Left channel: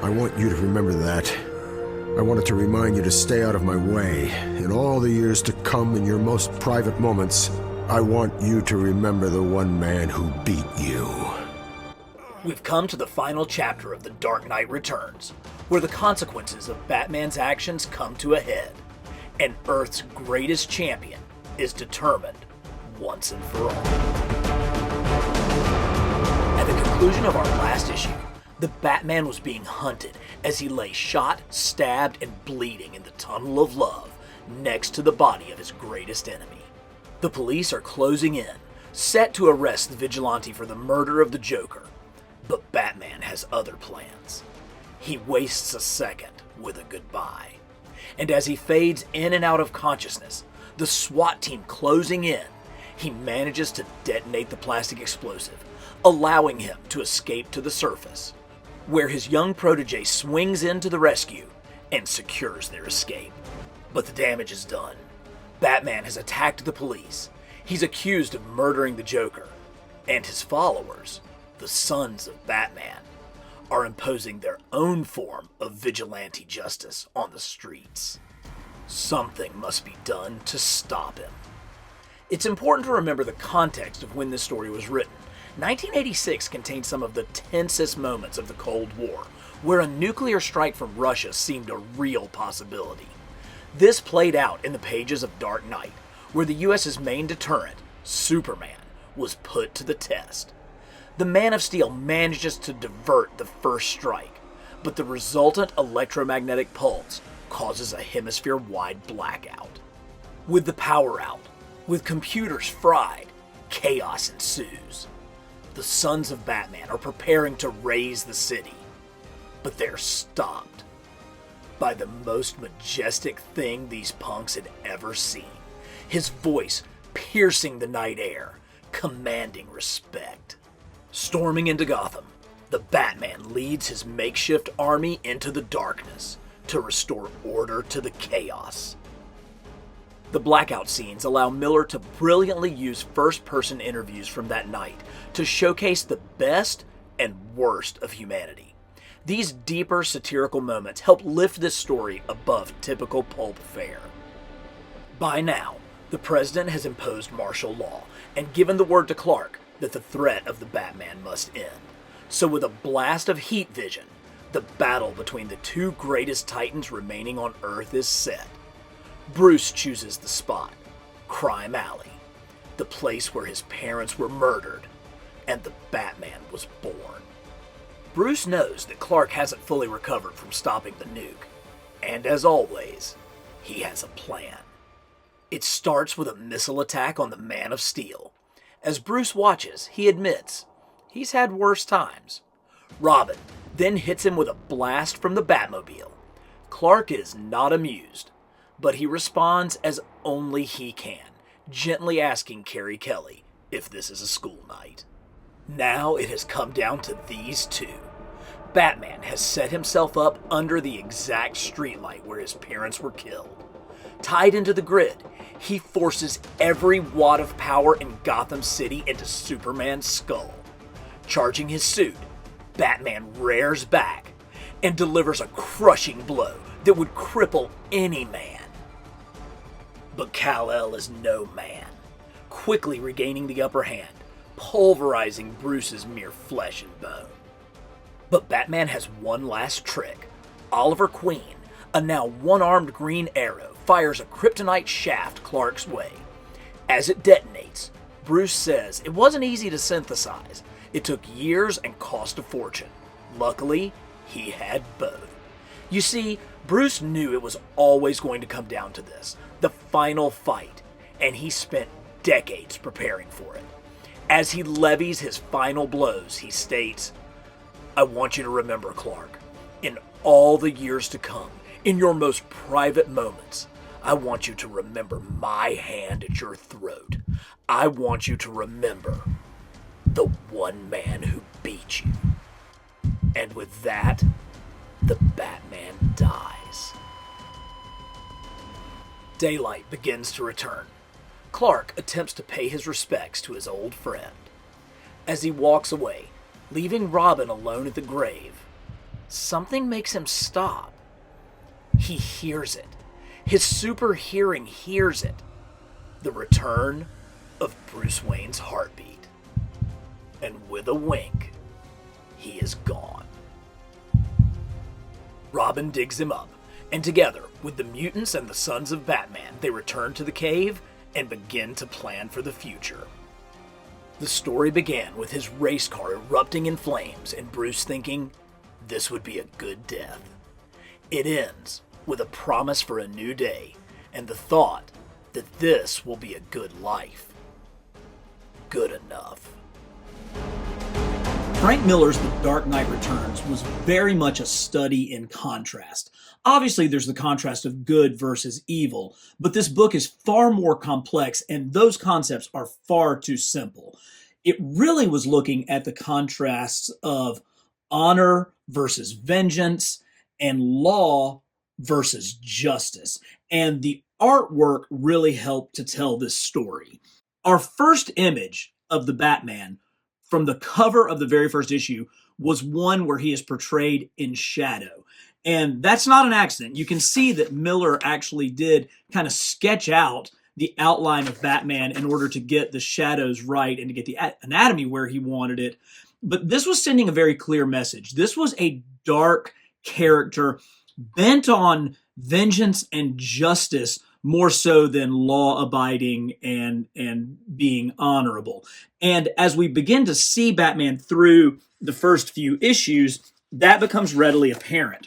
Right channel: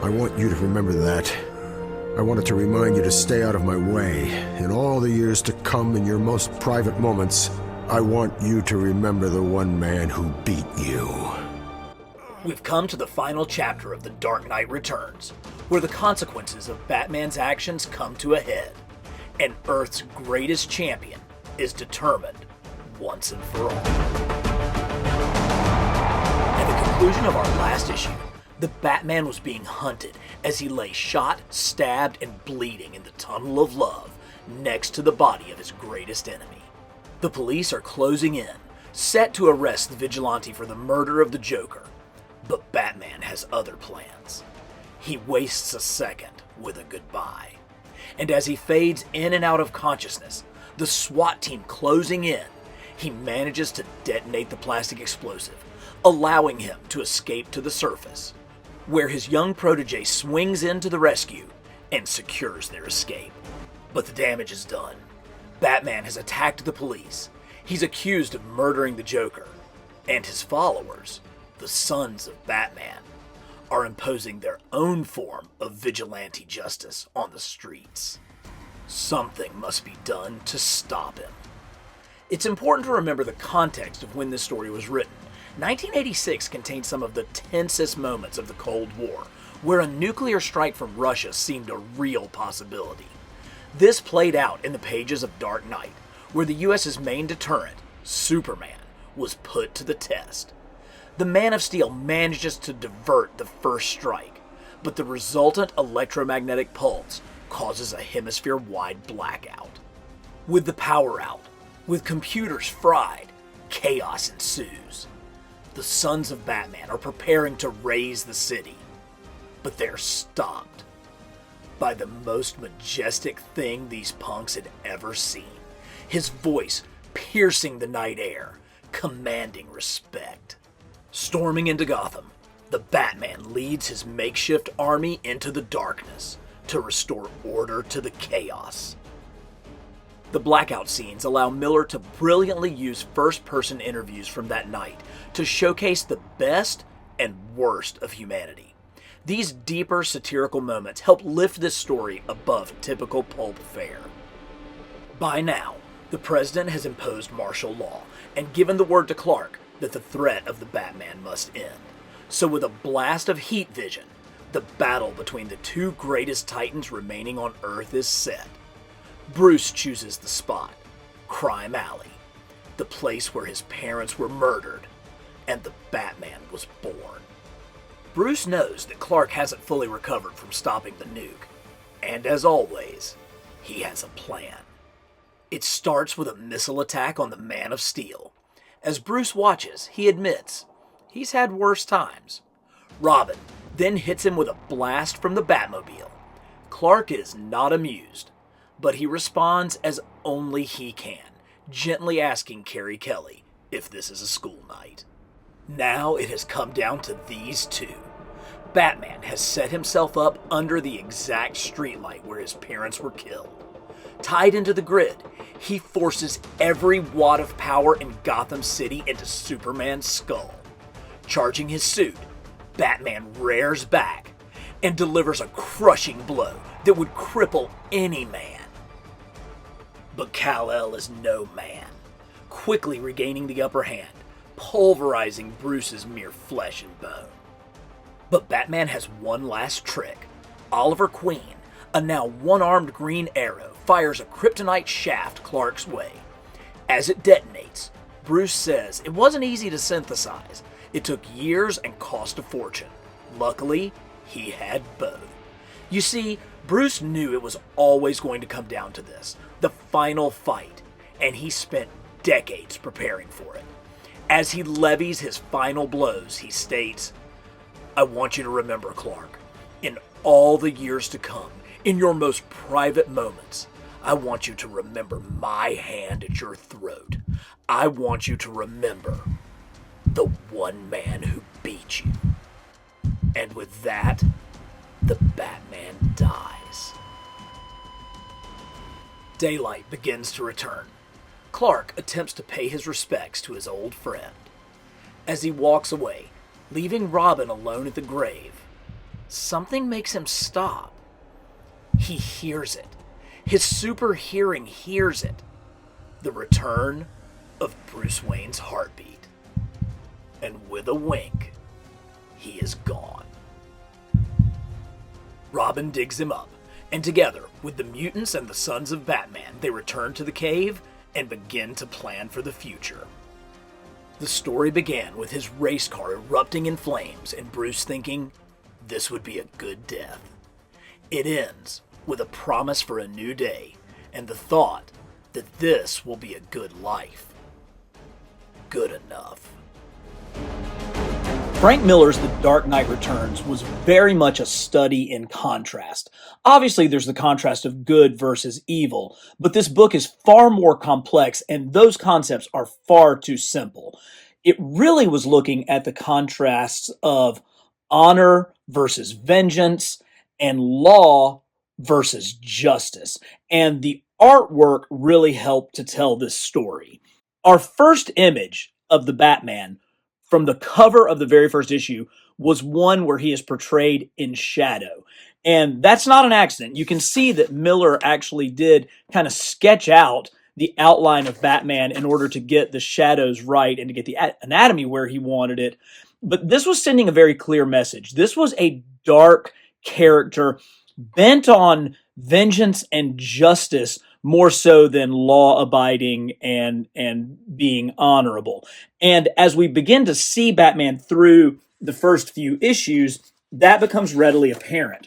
I want you to remember that. I wanted to remind you to stay out of my way. In all the years to come, in your most private moments, I want you to remember the one man who beat you. We've come to the final chapter of The Dark Knight Returns, where the consequences of Batman's actions come to a head, and Earth's greatest champion is determined once and for all. At the conclusion of our last issue, the Batman was being hunted as he lay shot, stabbed, and bleeding in the Tunnel of Love next to the body of his greatest enemy. The police are closing in, set to arrest the vigilante for the murder of the Joker. But Batman has other plans. He wastes a second with a goodbye. And as he fades in and out of consciousness, the SWAT team closing in, he manages to detonate the plastic explosive, allowing him to escape to the surface, where his young protege swings in to the rescue and secures their escape. But the damage is done. Batman has attacked the police. He's accused of murdering the Joker, and his followers, the Sons of Batman, are imposing their own form of vigilante justice on the streets. Something must be done to stop him. It's important to remember the context of when this story was written. 1986 contained some of the tensest moments of the Cold War, where a nuclear strike from Russia seemed a real possibility. This played out in the pages of Dark Knight, where the US's main deterrent, Superman, was put to the test. The Man of Steel manages to divert the first strike, but the resultant electromagnetic pulse causes a hemisphere-wide blackout. With the power out, with computers fried, chaos ensues. The Sons of Batman are preparing to raise the city, but they're stopped by the most majestic thing these punks had ever seen. His voice piercing the night air, commanding respect. Storming into Gotham, the Batman leads his makeshift army into the darkness to restore order to the chaos. The blackout scenes allow Miller to brilliantly use first-person interviews from that night to showcase the best and worst of humanity. These deeper satirical moments help lift this story above typical pulp fare. By now, the president has imposed martial law and given the word to Clark that the threat of the Batman must end. So with a blast of heat vision, the battle between the two greatest titans remaining on Earth is set. Bruce chooses the spot, Crime Alley, the place where his parents were murdered and the Batman was born. Bruce knows that Clark hasn't fully recovered from stopping the nuke, and as always, he has a plan. It starts with a missile attack on the Man of Steel. As Bruce watches, he admits he's had worse times. Robin then hits him with a blast from the Batmobile. Clark is not amused, but he responds as only he can, gently asking Carrie Kelly if this is a school night. Now it has come down to these two. Batman has set himself up under the exact streetlight where his parents were killed. Tied into the grid, he forces every watt of power in Gotham City into Superman's skull. Charging his suit, Batman rears back and delivers a crushing blow that would cripple any man. But Kal-El is no man, quickly regaining the upper hand, pulverizing Bruce's mere flesh and bone. But Batman has one last trick. Oliver Queen, a now one-armed Green Arrow, fires a kryptonite shaft Clark's way. As it detonates, Bruce says it wasn't easy to synthesize. It took years and cost a fortune. Luckily, he had both. You see, Bruce knew it was always going to come down to this, the final fight, and he spent decades preparing for it. As he levies his final blows, he states, "I want you to remember, Clark, in all the years to come, in your most private moments, I want you to remember my hand at your throat. I want you to remember the one man who beat you." And with that, the Batman dies. Daylight begins to return. Clark attempts to pay his respects to his old friend. As he walks away, leaving Robin alone at the grave, something makes him stop. He hears it. His super hearing hears it. The return of Bruce Wayne's heartbeat. And with a wink, he is gone. Robin digs him up, and together with the mutants and the Sons of Batman, they return to the cave and begin to plan for the future. The story began with his race car erupting in flames and Bruce thinking this would be a good death. It ends with a promise for a new day and the thought that this will be a good life. Good enough. Frank Miller's The Dark Knight Returns was very much a study in contrast. Obviously, there's the contrast of good versus evil, but this book is far more complex, and those concepts are far too simple. It really was looking at the contrasts of honor versus vengeance and law versus justice, and the artwork really helped to tell this story. Our first image of the Batman from the cover of the very first issue was one where he is portrayed in shadow. And that's not an accident. You can see that Miller actually did kind of sketch out the outline of Batman in order to get the shadows right and to get the anatomy where he wanted it. But this was sending a very clear message. This was a dark character bent on vengeance and justice more so than law-abiding and being honorable. And as we begin to see Batman through the first few issues, that becomes readily apparent.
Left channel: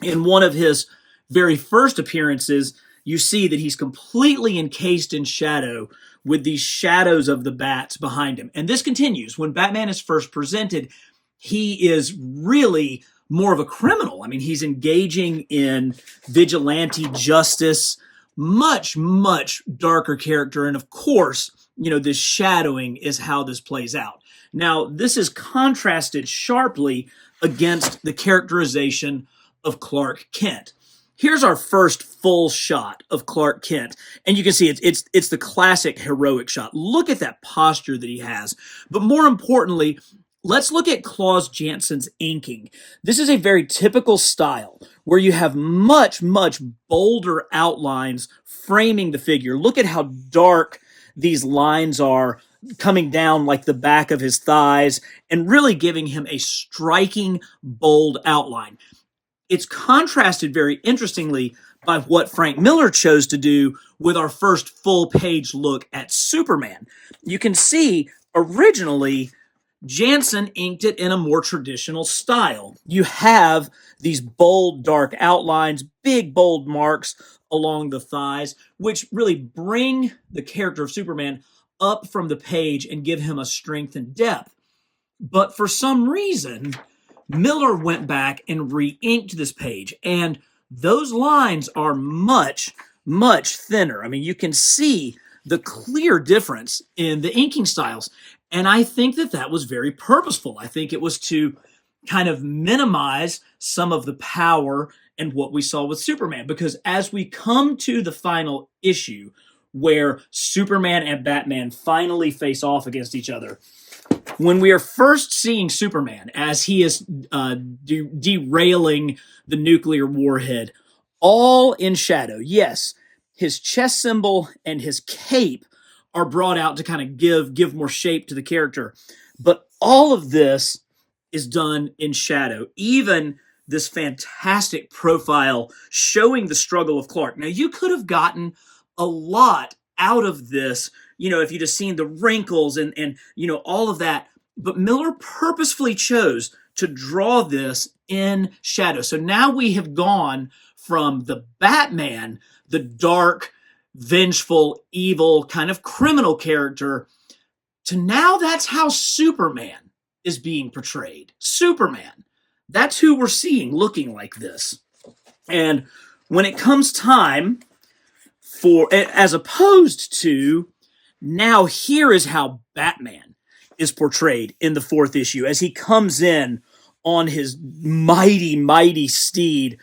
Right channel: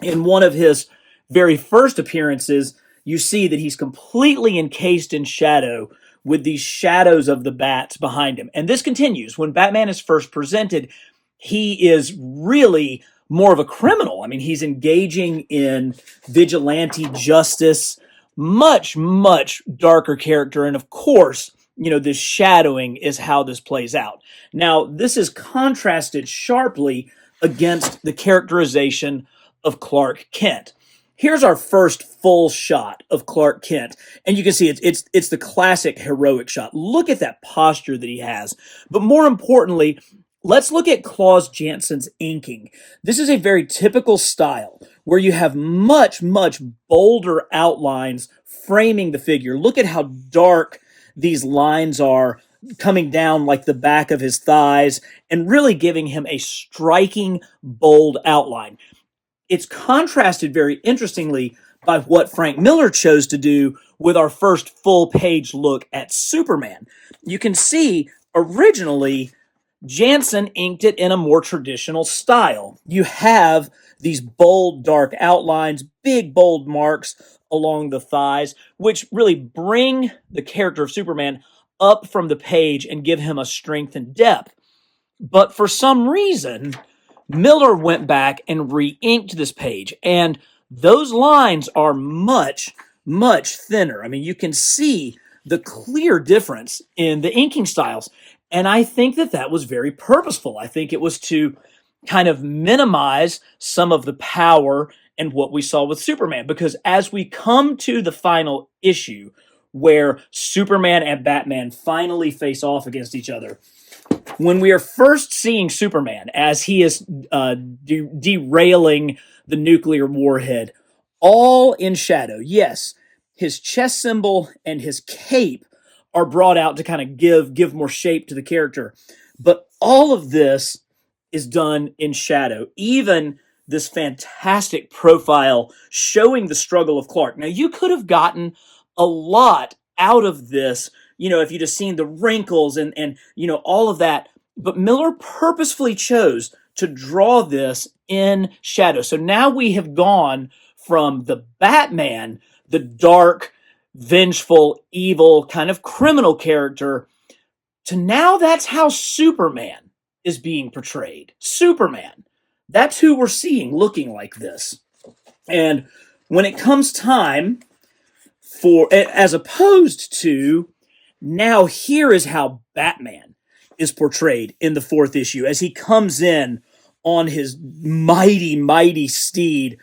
In one of his very first appearances, you see that he's completely encased in shadow with these shadows of the bats behind him. And this continues. When Batman is first presented, he is really more of a criminal. I mean, he's engaging in vigilante justice, much, much darker character. And of course, this shadowing is how this plays out. Now, this is contrasted sharply against the characterization of Clark Kent. Here's our first full shot of Clark Kent. And you can see it's the classic heroic shot. Look at that posture that he has. But more importantly, let's look at Klaus Jansson's inking. This is a very typical style where you have much, much bolder outlines framing the figure. Look at how dark these lines are coming down like the back of his thighs and really giving him a striking, bold outline. It's contrasted very interestingly by what Frank Miller chose to do with our first full-page look at Superman. You can see originally Jansson inked it in a more traditional style. You have these bold, dark outlines, big, bold marks along the thighs, which really bring the character of Superman up from the page and give him a strength and depth. But for some reason, Miller went back and re-inked this page, and those lines are much, much thinner. I mean, you can see the clear difference in the inking styles. And I think that was very purposeful. I think it was to kind of minimize some of the power and what we saw with Superman. Because as we come to the final issue where Superman and Batman finally face off against each other, when we are first seeing Superman as he is derailing the nuclear warhead, all in shadow, yes, his chest symbol and his cape are brought out to kind of give more shape to the character. But all of this is done in shadow. Even this fantastic profile showing the struggle of Clark. Now, you could have gotten a lot out of this, if you'd have seen the wrinkles and all of that. But Miller purposefully chose to draw this in shadow. So now we have gone from the Batman, the dark, vengeful, evil, kind of criminal character, to now that's how Superman is being portrayed. Superman. That's who we're seeing looking like this. And when it comes time for, as opposed to, now here is how Batman is portrayed in the fourth issue as he comes in on his mighty, mighty steed,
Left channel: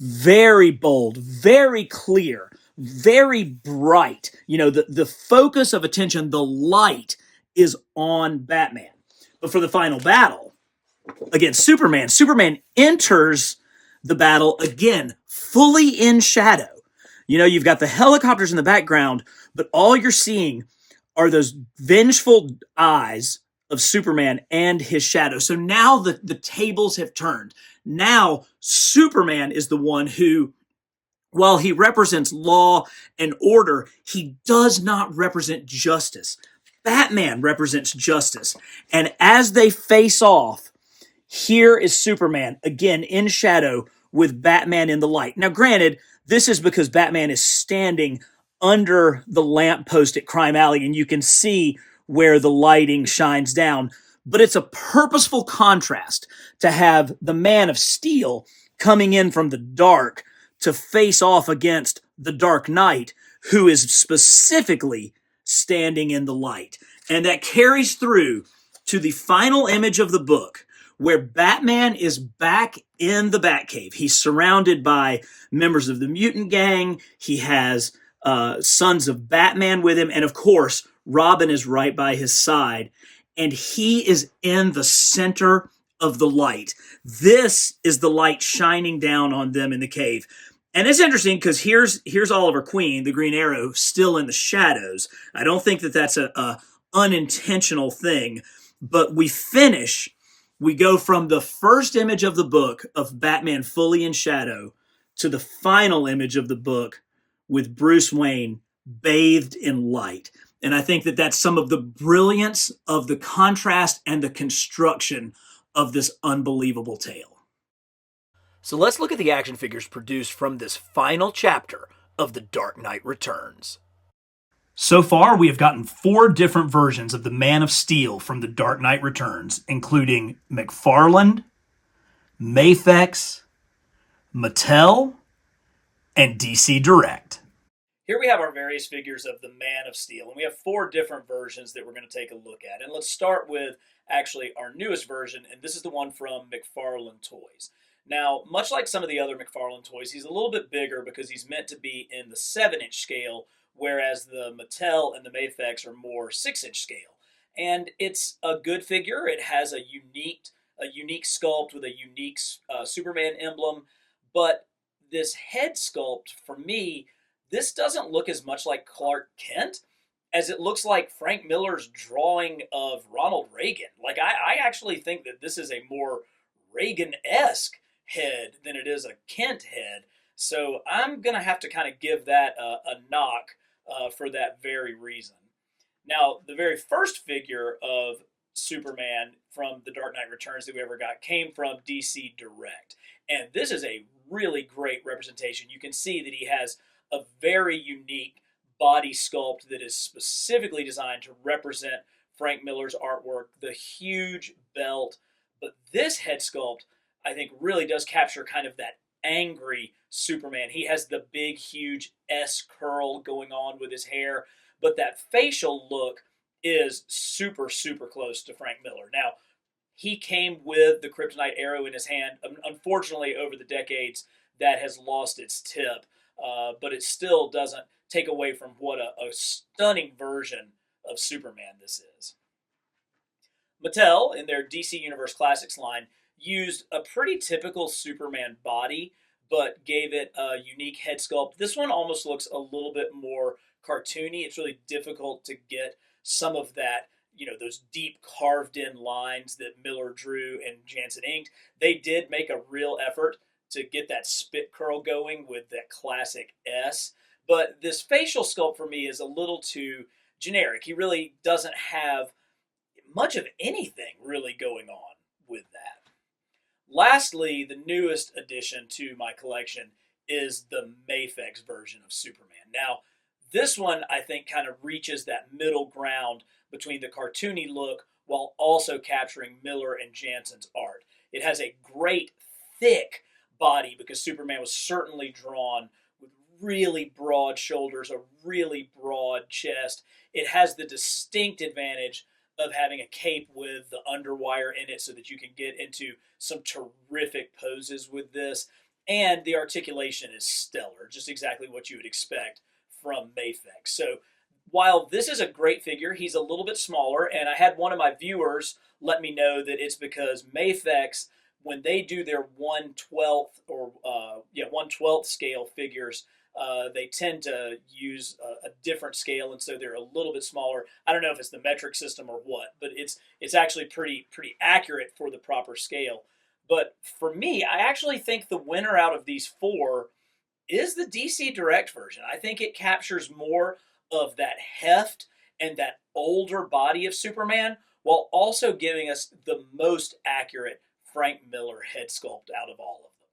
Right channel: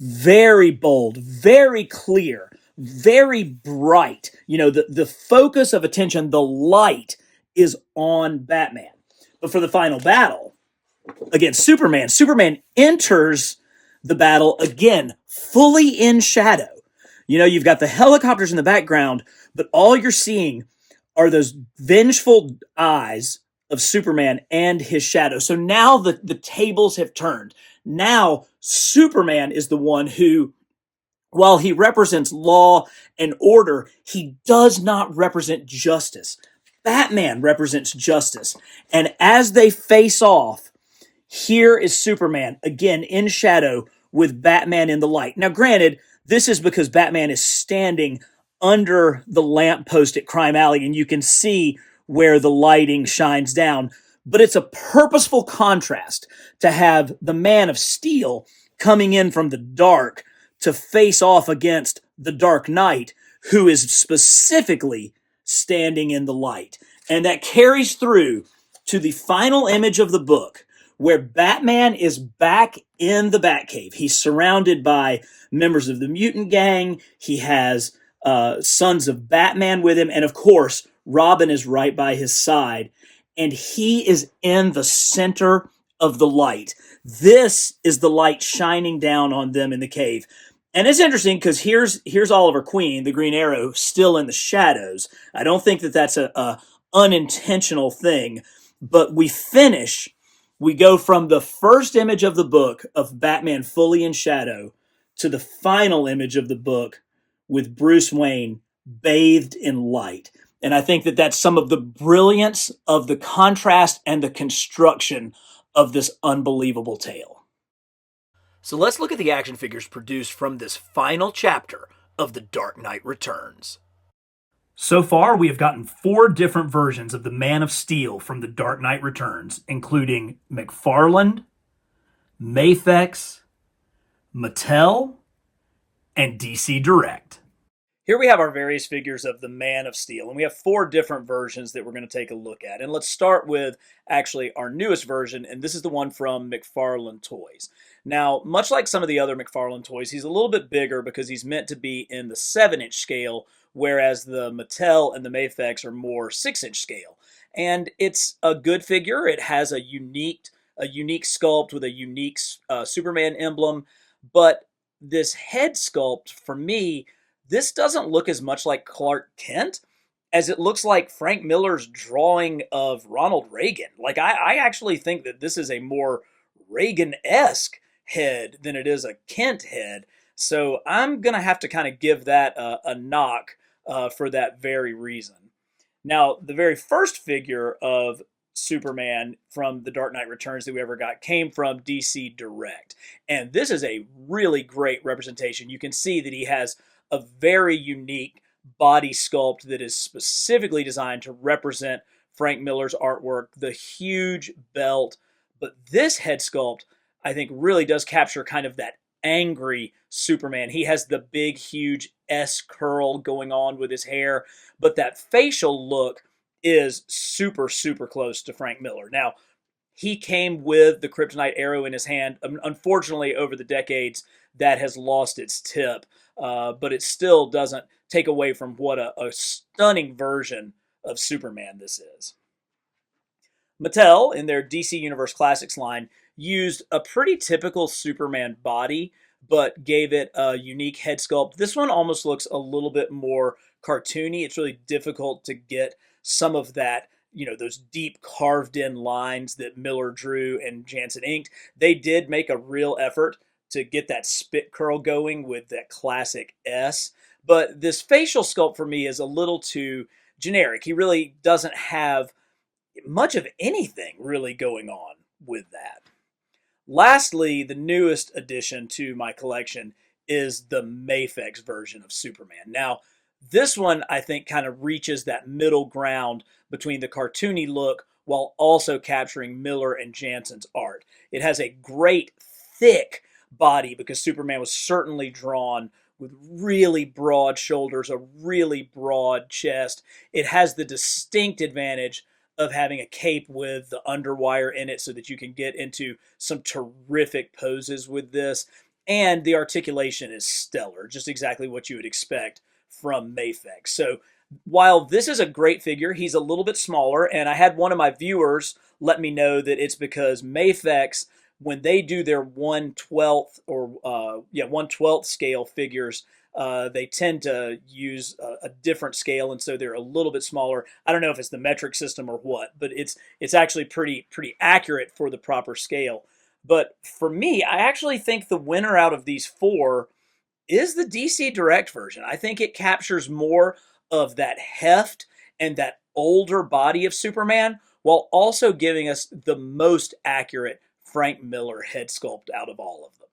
very bold, very clear, very bright. The focus of attention, the light is on Batman. But for the final battle, against Superman. Superman enters the battle again, fully in shadow. You know, you've got the helicopters in the background, but all you're seeing are those vengeful eyes of Superman and his shadow. So now the tables have turned. Now Superman is the one who, while he represents law and order, he does not represent justice. Batman represents justice. And as they face off, here is Superman, again in shadow, with Batman in the light. Now, granted, this is because Batman is standing under the lamppost at Crime Alley, and you can see where the lighting shines down. But it's a purposeful contrast to have the Man of Steel coming in from the dark to face off against the Dark Knight, who is specifically standing in the light. And that carries through to the final image of the book, where Batman is back in the Batcave. He's surrounded by members of the mutant gang. He has sons of Batman with him. And of course, Robin is right by his side. And he is in the center of the light. This is the light shining down on them in the cave. And it's interesting because here's Oliver Queen, the Green Arrow, still in the shadows. I don't think that that's a unintentional thing, but we go from the first image of the book of Batman fully in shadow to the final image of the book with Bruce Wayne bathed in light. And I think that that's some of the brilliance of the contrast and the construction of this unbelievable tale. So let's look at the action figures produced from this final chapter of The Dark Knight Returns. So far, we have gotten 4 different versions of the Man of Steel from The Dark Knight Returns, including McFarlane, Mafex, Mattel, and DC Direct. Here we have our various figures of the Man of Steel, and we have 4 different versions that we're going to take a look at. And let's start with actually our newest version, and this is the one from McFarlane Toys. Now, much like some of the other McFarlane toys, he's a little bit bigger because he's meant to be in the 7-inch scale, whereas the Mattel and the Mafex are more 6-inch scale. And it's a good figure. It has a unique sculpt with a unique Superman emblem, but this head sculpt, for me, this doesn't look as much like Clark Kent as it looks like Frank Miller's drawing of Ronald Reagan. Like, I actually think that this is a more Reagan-esque head than it is a Kent head. So I'm going to have to kind of give that a knock for that very reason. Now, the very first figure of Superman from The Dark Knight Returns that we ever got came from DC Direct. And this is a really great representation. You can see that he has a very unique body sculpt that is specifically designed to represent Frank Miller's artwork, the huge belt. But this head sculpt, I think, really does capture kind of that angry Superman. He has the big, huge S curl going on with his hair, but that facial look is super, super close to Frank Miller. Now, he came with the kryptonite arrow in his hand. Unfortunately, over the decades, that has lost its tip, but it still doesn't take away from what a stunning version of Superman this is. Mattel, in their DC Universe Classics line, used a pretty typical Superman body, but gave it a unique head sculpt. This one almost looks a little bit more cartoony. It's really difficult to get some of that, those deep carved in lines that Miller drew and Janson inked. They did make a real effort to get that spit curl going with that classic S. But this facial sculpt for me is a little too generic. He really doesn't have much of anything really going on with that. Lastly, the newest addition to my collection is the Mafex version of Superman. Now, this one, I think, kind of reaches that middle ground between the cartoony look while also capturing Miller and Janson's art. It has a great, thick body because Superman was certainly drawn with really broad shoulders, a really broad chest. It has the distinct advantage of having a cape with the underwire in it so that you can get into some terrific poses with this. And the articulation is stellar, just exactly what you would expect from Mafex. So While this is a great figure, he's a little bit smaller, and I had one of my viewers let me know that it's because Mafex, when they do their 1/12 or 1/12 scale figures, they tend to use a different scale, and so they're a little bit smaller. I don't know if it's the metric system or what, but it's actually pretty accurate for the proper scale. But for me, I actually think the winner out of these four is the DC Direct version. I think it captures more of that heft and that older body of Superman while also giving us the most accurate Frank Miller head sculpt out of all of them.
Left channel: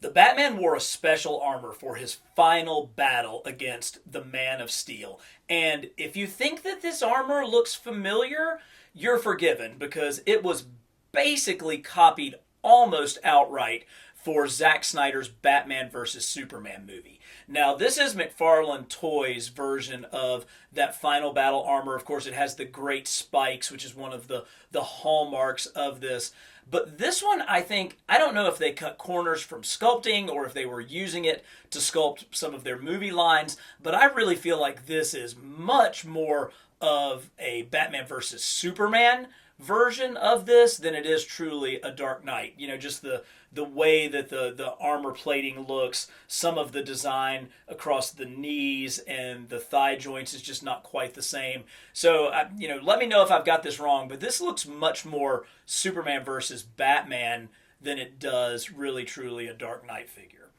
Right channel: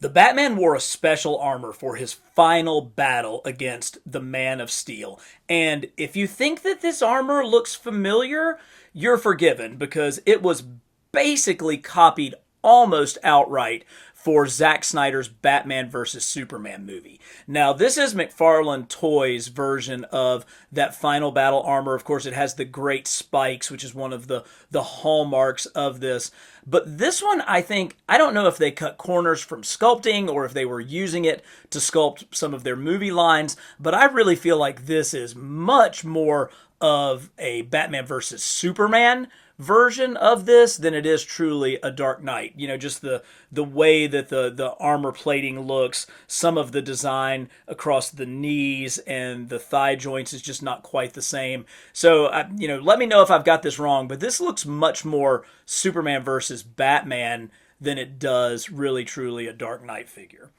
The Batman wore a special armor for his final battle against the Man of Steel. And if you think that this armor looks familiar, you're forgiven because it was basically copied almost outright for Zack Snyder's Batman vs. Superman movie. Now, this is McFarlane Toys' version of that final battle armor. Of course, it has the great spikes, which is one of the hallmarks of this. But this one, I don't know if they cut corners from sculpting or if they were using it to sculpt some of their movie lines, but I really feel like this is much more of a Batman versus Superman version of this than it is truly a Dark Knight. You know, just the way that the armor plating looks, some of the design across the knees and the thigh joints is just not quite the same. So, let me know if I've got this wrong, but this looks much more Superman versus Batman than it does really truly a Dark Knight figure.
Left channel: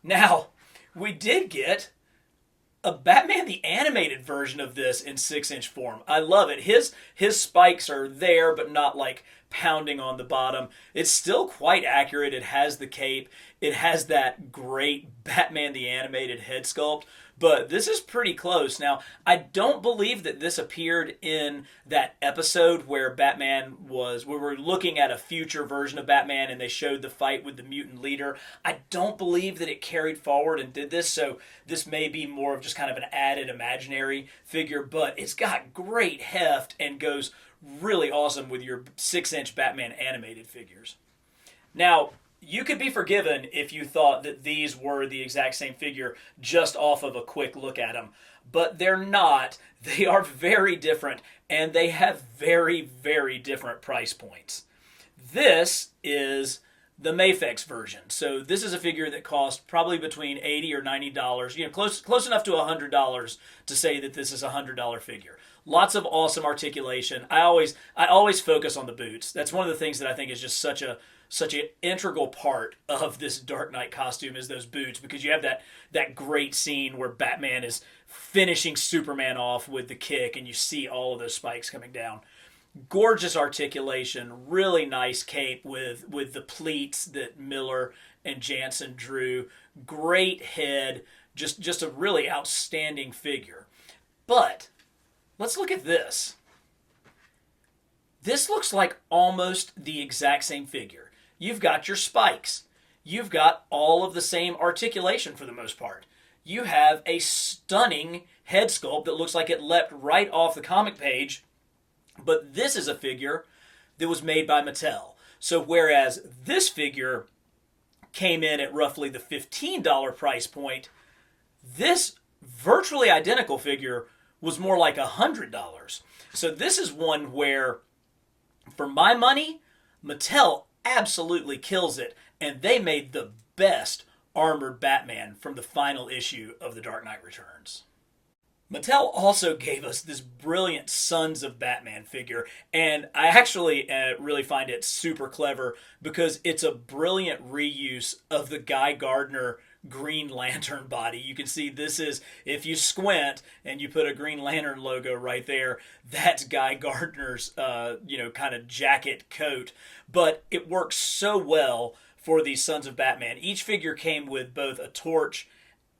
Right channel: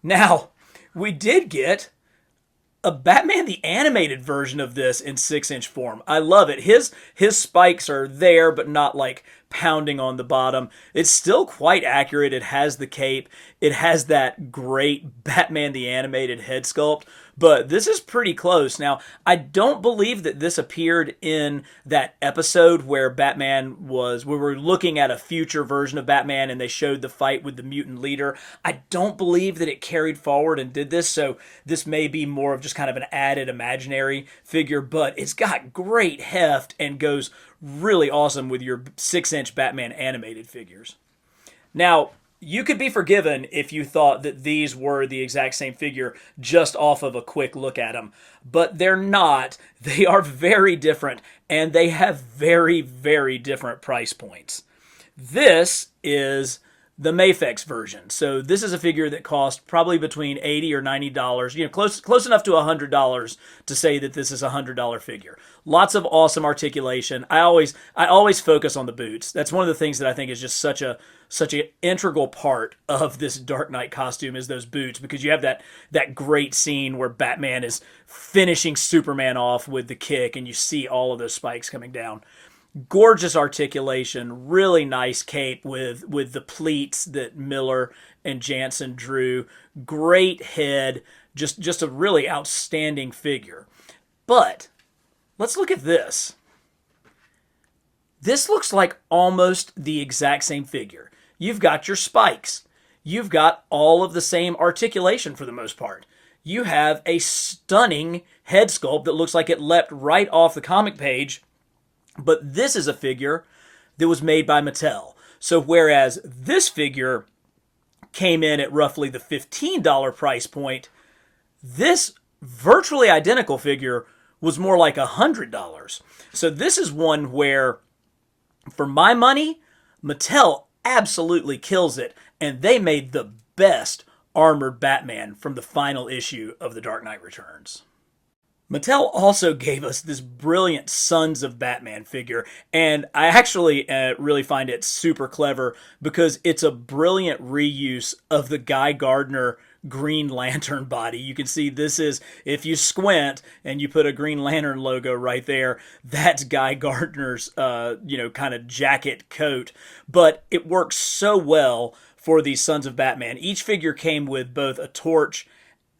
Now, we did get a Batman the Animated version of this in 6-inch form. I love it. His spikes are there, but not like pounding on the bottom. It's still quite accurate. It has the cape. It has that great Batman the Animated head sculpt, but this is pretty close. Now, I don't believe that this appeared in that episode where we were looking at a future version of Batman and they showed the fight with the mutant leader. I don't believe that it carried forward and did this, so this may be more of just kind of an added imaginary figure, but it's got great heft and goes really awesome with your 6-inch Batman animated figures. Now, you could be forgiven if you thought that these were the exact same figure just off of a quick look at them, but they're not. They are very different, and they have very, very different price points. This is the Mafex version. So this is a figure that cost probably between $80 or $90, close enough to $100 to say that this is a $100 figure. Lots of awesome articulation. I always focus on the boots. That's one of the things that I think is just such an integral part of this Dark Knight costume is those boots, because you have that great scene where Batman is finishing Superman off with the kick and you see all of those spikes coming down. Gorgeous articulation, really nice cape with the pleats that Miller and Jansen drew. Great head, just a really outstanding figure. But let's look at this. This looks like almost the exact same figure. You've got your spikes. You've got all of the same articulation for the most part. You have a stunning head sculpt that looks like it leapt right off the comic page. But this is a figure that was made by Mattel. So whereas this figure came in at roughly the $15 price point, this virtually identical figure was more like $100. So this is one where, for my money, Mattel absolutely kills it, and they made the best armored Batman from the final issue of The Dark Knight Returns. Mattel also gave us this brilliant Sons of Batman figure, and I actually really find it super clever because it's a brilliant reuse of the Guy Gardner Green Lantern body. You can see this is, if you squint and you put a Green Lantern logo right there, that's Guy Gardner's, kind of jacket coat. But it works so well for these Sons of Batman. Each figure came with both a torch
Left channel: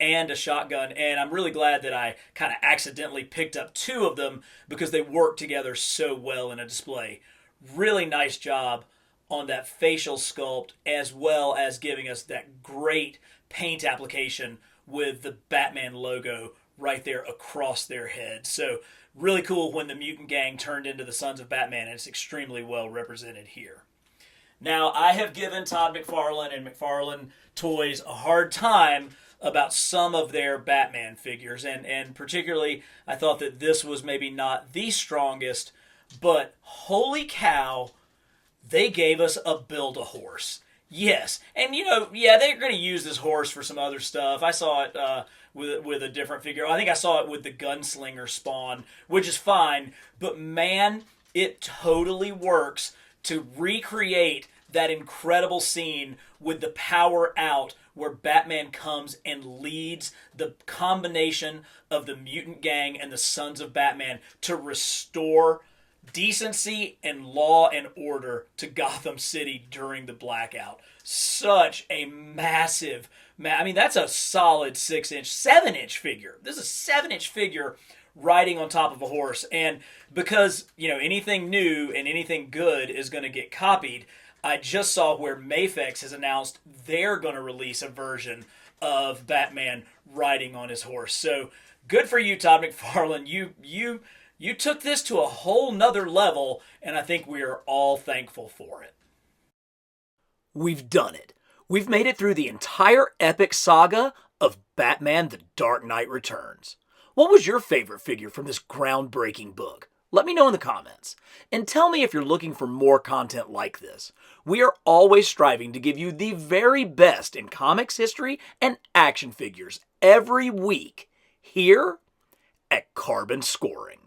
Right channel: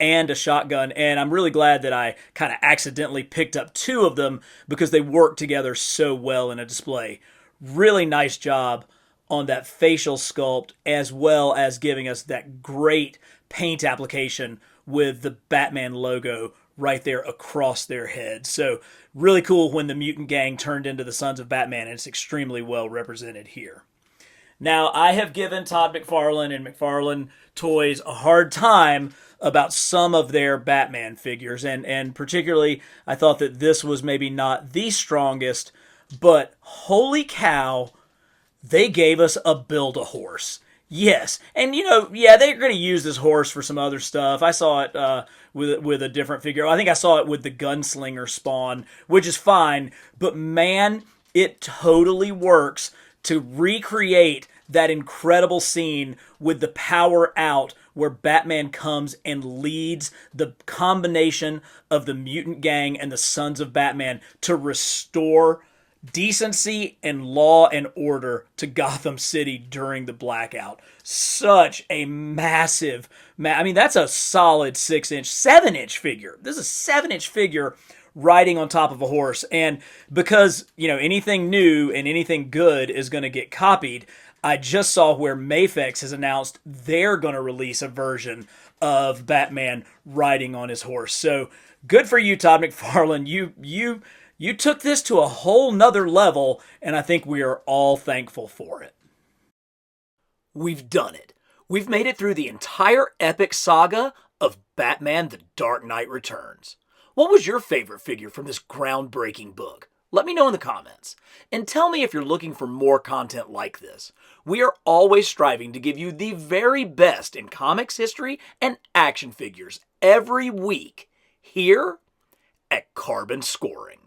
and a shotgun, and I'm really glad that I kind of accidentally picked up two of them because they work together so well in a display. Really nice job on that facial sculpt, as well as giving us that great paint application with the Batman logo right there across their heads. So really cool when the mutant gang turned into the Sons of Batman, and it's extremely well represented here. Now, I have given Todd McFarlane and McFarlane Toys a hard time about some of their Batman figures, and particularly I thought that this was maybe not the strongest, but holy cow, they gave us a Build-A-Horse. Yes, and yeah, they're going to use this horse for some other stuff. I saw it with a different figure. I think I saw it with the Gunslinger Spawn, which is fine, but man, it totally works to recreate that incredible scene with the Power Out where Batman comes and leads the combination of the mutant gang and the Sons of Batman to restore decency and law and order to Gotham City during the blackout. Such a massive, I mean, that's a solid 7-inch figure. This is a 7-inch figure riding on top of a horse. And because, anything new and anything good is going to get copied, I just saw where Mafex has announced they're going to release a version of Batman riding on his horse. So good for you, Todd McFarlane. You took this to a whole nother level, and I think we are all thankful for it. We've done it. We've made it through the entire epic saga of Batman The Dark Knight Returns. What was your favorite figure from this groundbreaking book? Let me know in the comments. And tell me if you're looking for more content like this. We are always striving to give you the very best in comics history and action figures every week here at Carbon Scoring.